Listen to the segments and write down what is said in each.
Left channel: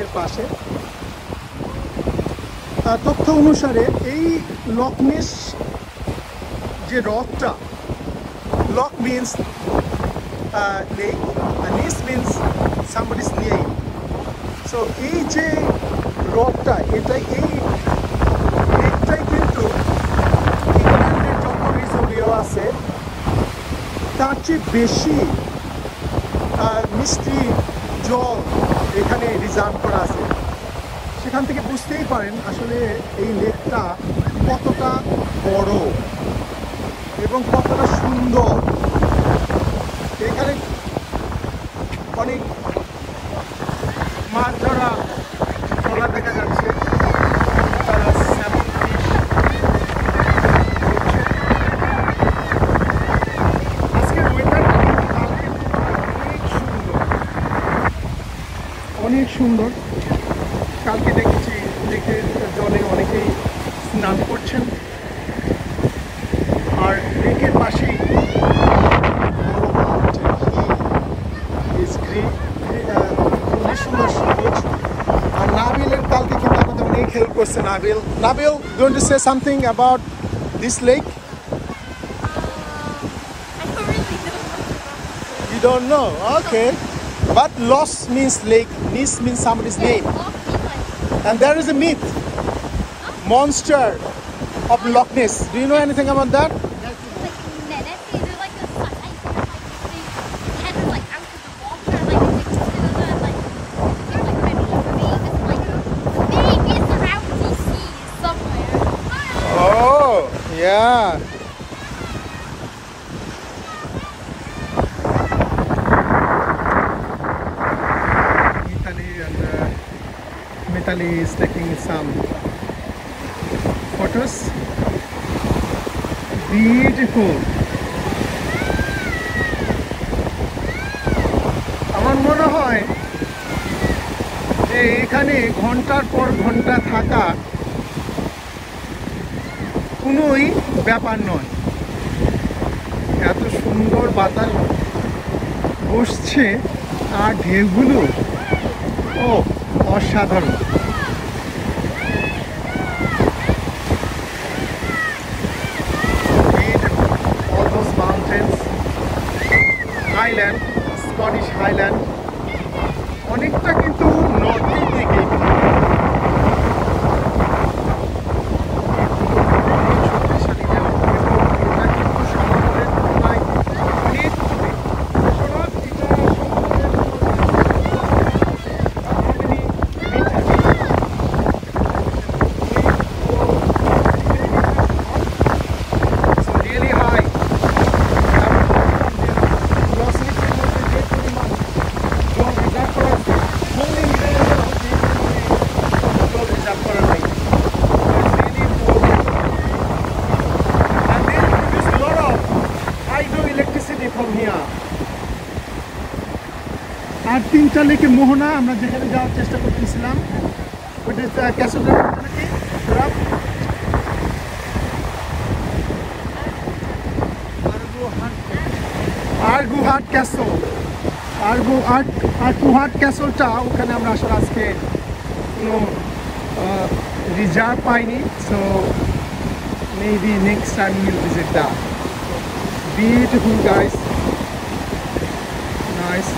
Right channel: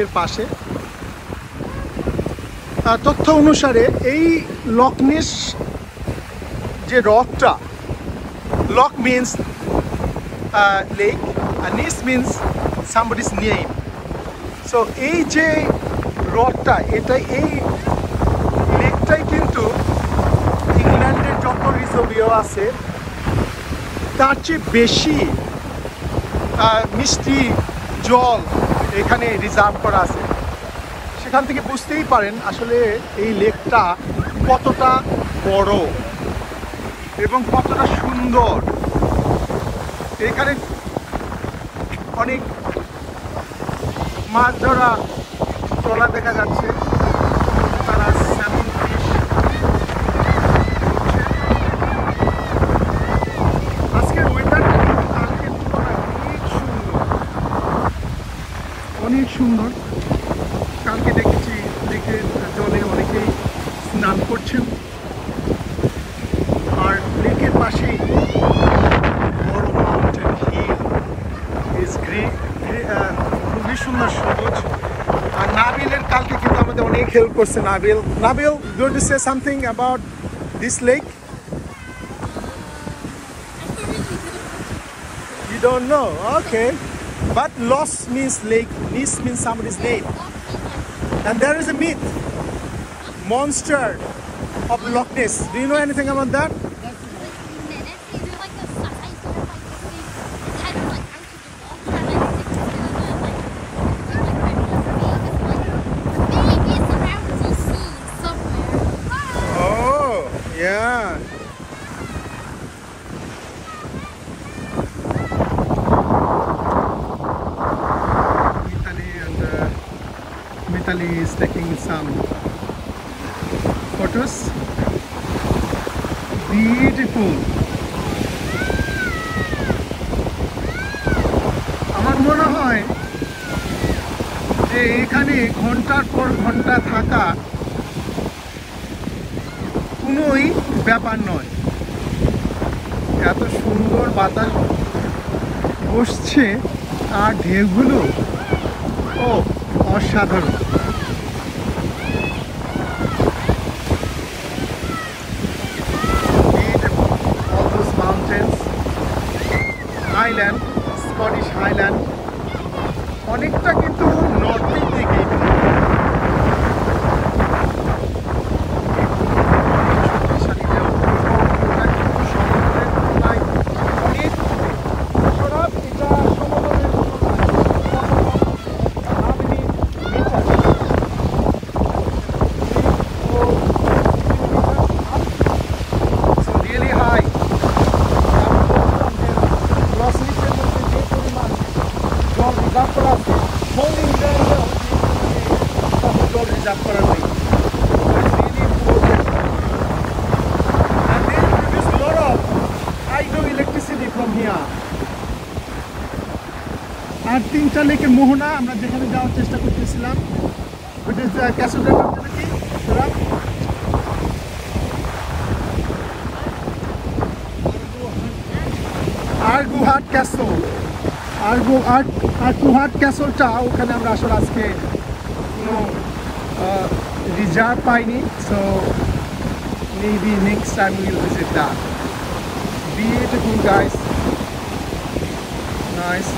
লেকের পাশে। তথ্য অনুসারে এই লক নেস যে হ্রদটা, লক মিন্স লেক আর নেস মিন্স somebody's name. সো এই যে হ্রদটা, এই লেকটাই কিন্তু ইংল্যান্ডের যত রিজর্ভ আছে তার চেয়ে বেশি মিষ্টি জল এখানে রিজার্ভ করা আছে। সেখান থেকে বুঝতেই পারেন আসলে এই লেকটা কতটা বড় এবং কতটা সুন্দর। এখানে অনেক মাছ ধরা ট্রলার দেখা যাচ্ছে। আজকের ওয়েদারটা অনেক সুন্দর। কালকে দেখেছি লেকের জলে অনেকেই স্নান করছেন, আর লেকের পাশেই বড় মাউন্টেন হিল খুবই সুন্দর সবুজ। আর নাবিলের কালকে কিন্তু আমাদের অনেক হেল্প করছে। Nabil, going to say something about this lake? I don't really know much about it. You don't know? Okay. But Lost means lake, Nis means somebody's name. And there is a myth, monster of Loch Ness. Do you know anything about that? Oh, yeah. Mitali is taking some photos. Beautiful. আমার মনে হয় যে এখানে ঘন্টার পর ঘন্টা থাকা কোনোই ব্যাপার নয়। এত সুন্দর বাতাস বসছে আর ঢেউগুলো অসাধারণ। স্কটিশ হাইল্যান্ড অনেকটা কিন্তু নর্থ থেকে আর তিনটা লেকে মোহনা আমরা যেখানে যাওয়ার চেষ্টা করতেছিলাম, আরগুহাট ক্যাসল, আরগুহাট ক্যাসলটা ওখানে আমরা আসলে আজকে কোনো রিজার্ভ পাইনি। So maybe next time will visit that. Beautiful guys, nice.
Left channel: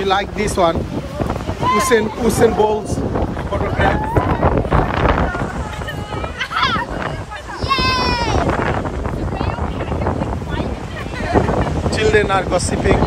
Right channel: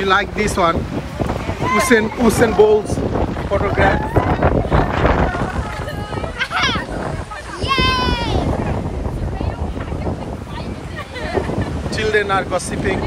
You like this one? Usain Bolt's photograph. Children are gossiping.